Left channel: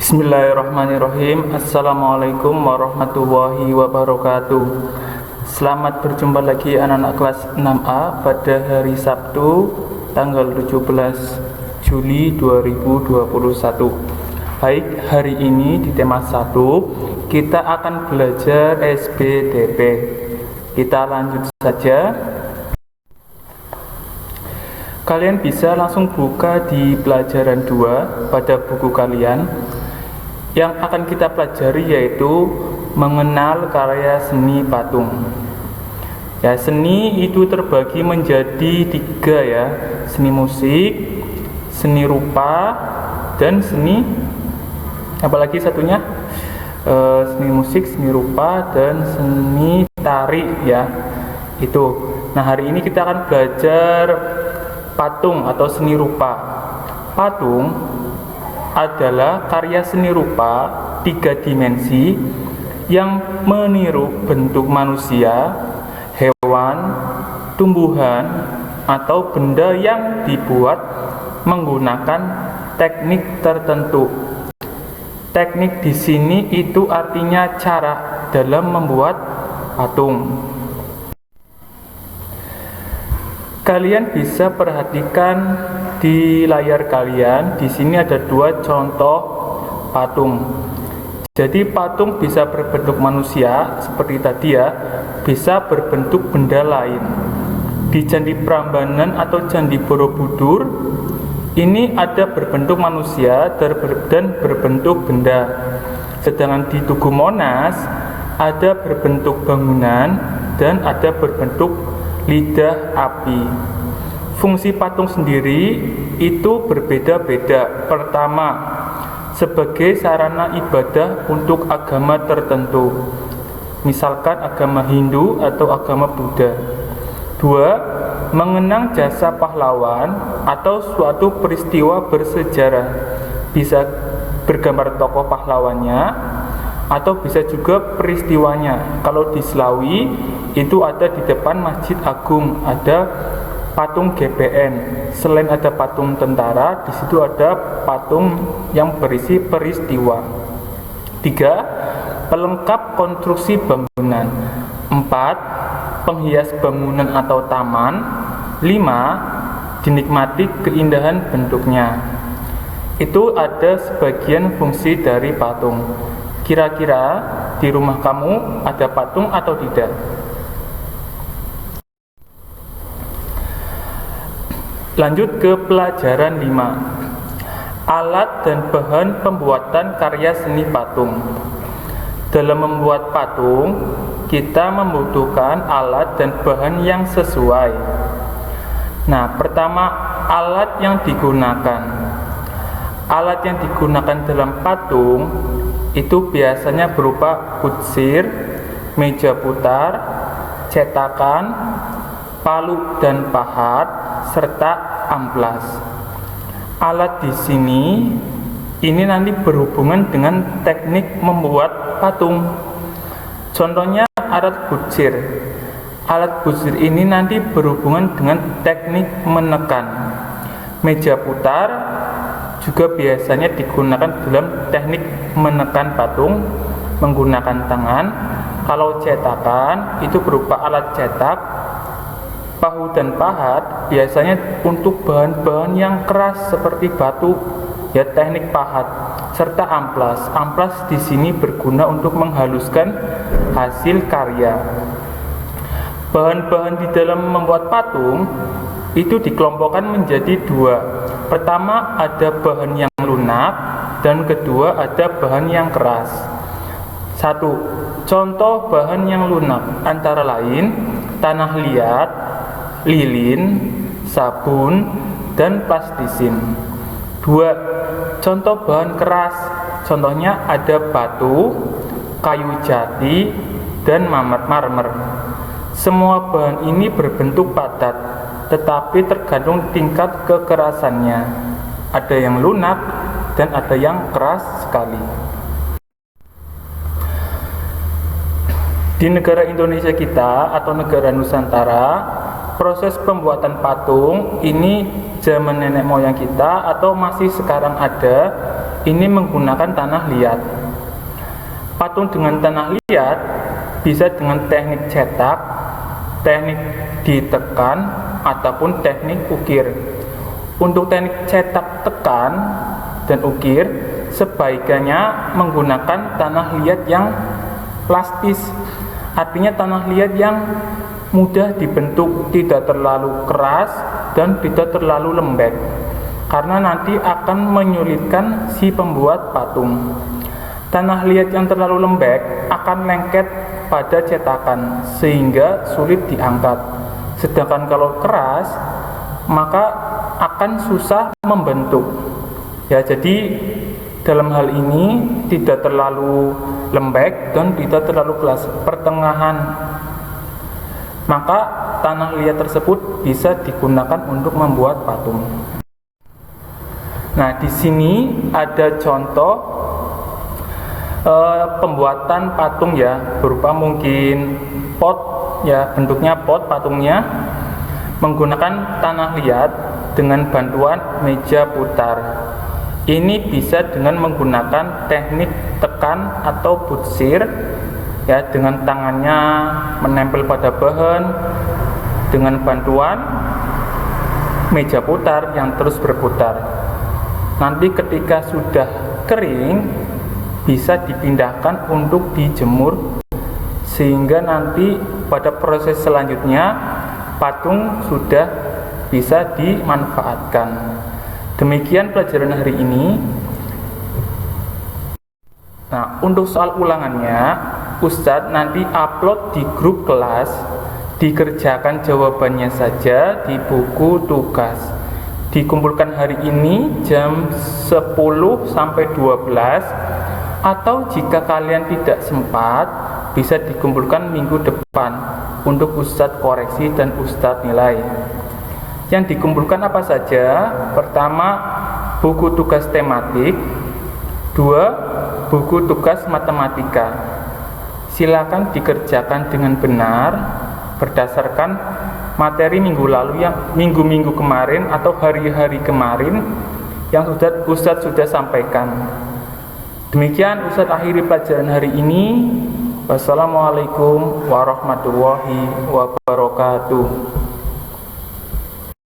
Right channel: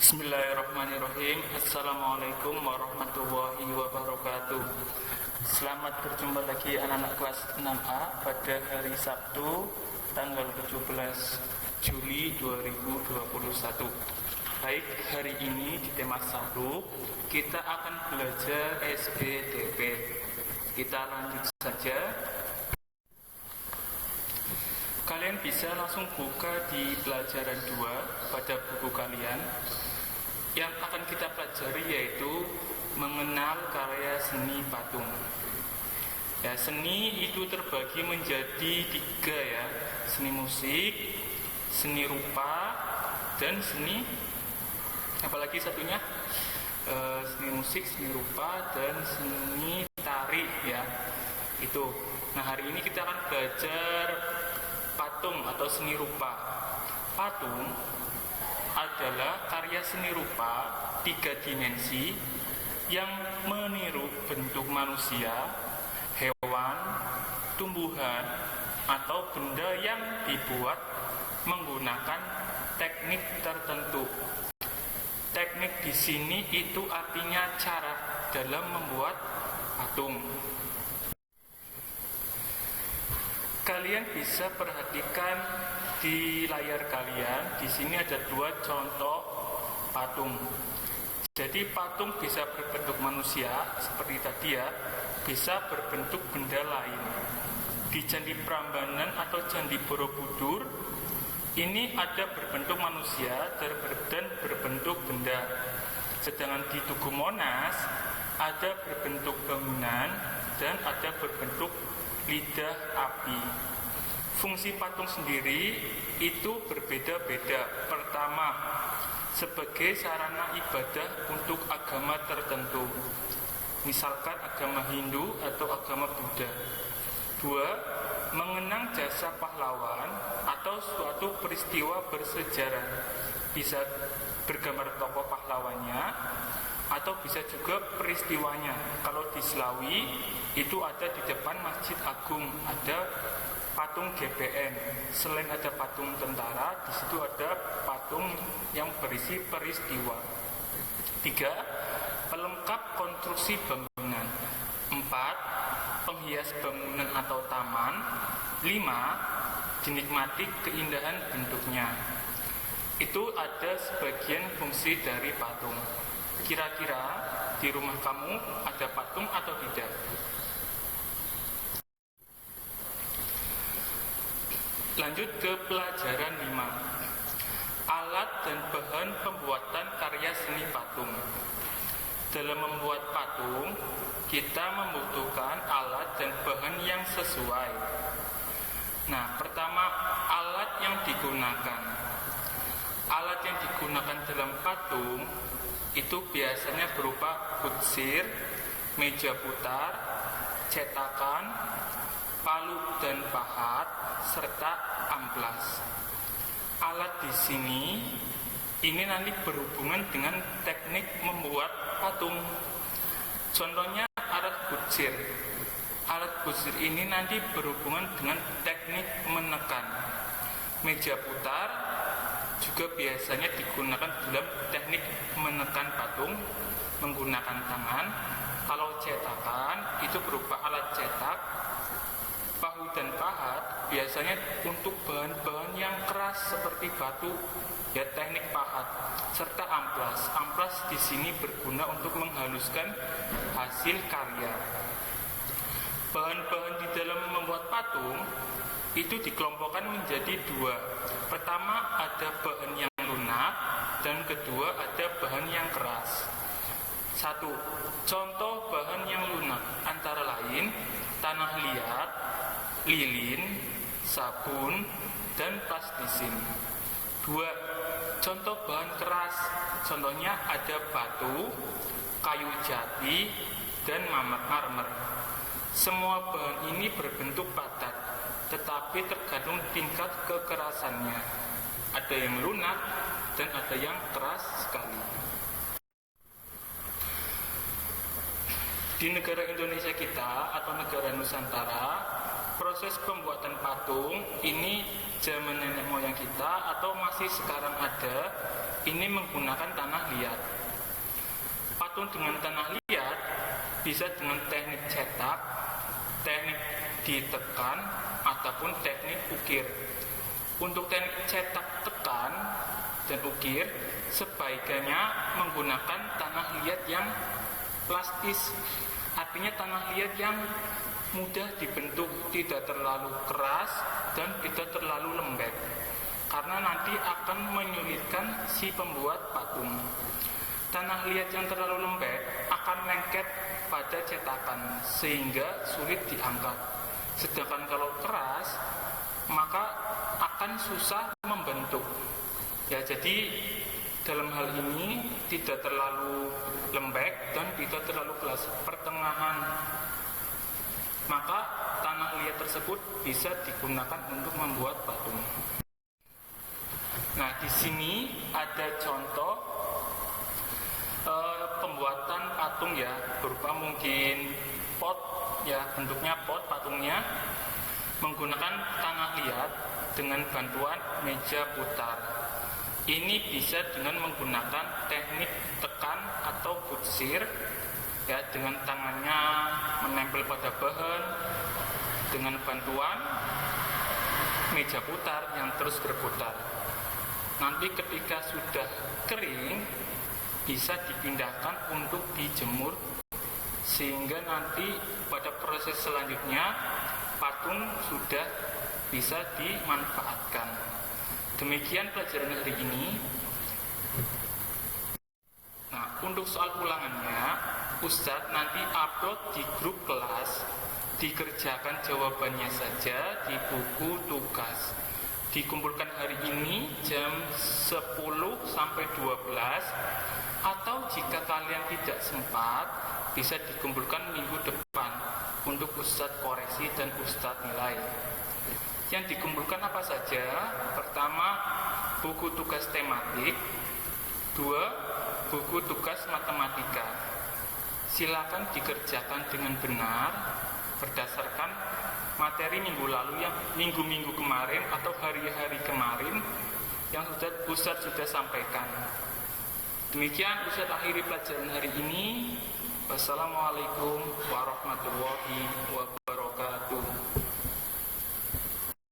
Bismillahirrahmanirrahim. Assalamualaikum warahmatullahi wabarakatuh. Selamat berjumpa lagi anak-anak kelas 6A pada hari Sabtu tanggal 17 Juli 2021. Baik, hari ini di tema 1 kita akan belajar SPDP. Kita lanjut saja. Kalian bisa langsung buka di pelajaran 2 pada buku kalian. Yang akan kita pelajari yaitu mengenal karya seni patung. Ya, seni itu terbagi menjadi 3 ya, seni musik, seni rupa, dan seni apalagi satunya seni musik, seni rupa, dan seni tari ya. Itu. Nah, hari ini kita akan belajar patung atau seni rupa. Patung adalah karya seni rupa 3 dimensi yang meniru bentuk manusia, hewan, tumbuhan, atau benda yang dibuat menggunakan teknik tertentu. Teknik di sini itu artinya cara dalam membuat patung. Kalian bisa perhatikan di layar kalian. Di sini ada 2 contoh patung. Jadi patung bisa berbentuk manusia seperti tadi ya, bisa berbentuk benda lain. Di Candi Prambanan atau Candi Borobudur ini ada berbentuk manusia dan berbentuk benda. Sedangkan di Tugu Monas ada berbentuk bangunan dan ada berbentuk lidah api. Fungsi patung sendiri itu berbeda-beda. Pertama, sebagai sarana ibadah untuk agama tertentu, misalkan agama Hindu atau agama Buddha. 2, mengenang jasa pahlawan atau suatu peristiwa bersejarah. Bisa bergambar tokoh pahlawannya atau bisa juga peristiwanya. Kalau di Slawi itu ada di depan Masjid Agung, ada patung GBN. Selain ada patung tentara, di situ ada patung yang berisi peristiwa. 3, pelengkap konstruksi bangunan. 4, penghias bangunan atau taman. 5, dinikmati keindahan bentuknya. Itu ada sebagian fungsi dari patung. Kira-kira di rumah kamu ada patung atau tidak? Lanjut ke pelajaran 5. Alat dan bahan pembuatan karya seni patung. Dalam membuat patung, kita membutuhkan alat dan bahan yang sesuai. Nah, pertama, alat yang digunakan. Alat yang digunakan dalam patung itu biasanya berupa kutsir, meja putar, cetakan, palu dan pahat, serta amplas. Alat di sini ini nanti berhubungan dengan teknik membuat patung. Contohnya alat kutsir. Alat kutsir ini nanti berhubungan dengan teknik menekan. Meja putar juga biasanya digunakan dalam teknik menekan patung menggunakan tangan. Kalau cetakan itu berupa alat cetak. Pahu dan pahat biasanya untuk bahan-bahan yang keras seperti batu, ya, teknik pahat. Serta amplas. Amplas di sini berguna untuk menghaluskan hasil karya. Bahan-bahan di dalam membuat patung itu dikelompokkan menjadi 2. Pertama ada bahan yang lunak dan kedua ada bahan yang keras. 1. Contoh bahan yang lunak antara lain tanah liat, lilin, sabun, dan plastisin. 2. Contoh bahan keras. Contohnya ada batu, kayu jati, dan marmer. Semua bahan ini berbentuk padat, tetapi tergantung tingkat kekerasannya. Ada yang lunak dan ada yang keras sekali. Di negara Indonesia kita atau negara Nusantara, proses pembuatan patung ini zaman nenek moyang kita atau masih sekarang ada, ini menggunakan tanah liat. Patung dengan tanah liat bisa dengan teknik cetak, teknik ditekan, ataupun teknik ukir. Untuk teknik cetak, tekan, dan ukir sebaiknya menggunakan tanah liat yang plastis, artinya tanah liat yang mudah dibentuk, tidak terlalu keras dan tidak terlalu lembek, karena nanti akan menyulitkan si pembuat patung. Tanah liat yang terlalu lembek akan lengket pada cetakan sehingga sulit diangkat, sedangkan kalau keras maka akan susah membentuk. Ya, jadi dalam hal ini tidak terlalu lembek dan tidak terlalu keras, pertengahan. Maka tanah liat tersebut bisa digunakan untuk membuat patung. Nah, di sini ada contoh pembuatan patung ya, berupa mungkin pot ya, bentuknya pot patungnya menggunakan tanah liat dengan bantuan meja putar. Ini bisa dengan menggunakan teknik tekan atau butsir ya, dengan tangannya menempel pada bahan dengan bantuan meja putar yang terus berputar. Nanti ketika sudah kering bisa dipindahkan untuk dijemur, sehingga nanti pada proses selanjutnya patung sudah bisa dimanfaatkan. Demikian pelajaran hari ini. Nah, untuk soal ulangannya Ustadz nanti upload di grup kelas, dikerjakan jawabannya saja di buku tugas. Dikumpulkan hari ini jam 10 sampai 12, atau jika kalian tidak sempat bisa dikumpulkan minggu depan untuk Ustadz koreksi dan Ustadz nilai. Yang dikumpulkan apa saja? Pertama, buku tugas tematik. 2, buku tugas matematika. Silakan dikerjakan dengan benar berdasarkan materi minggu lalu, yang minggu-minggu kemarin atau hari-hari kemarin yang Ustadz sudah sampaikan. Demikian Ustadz akhiri pelajaran hari ini. Wassalamualaikum warahmatullahi wabarakatuh.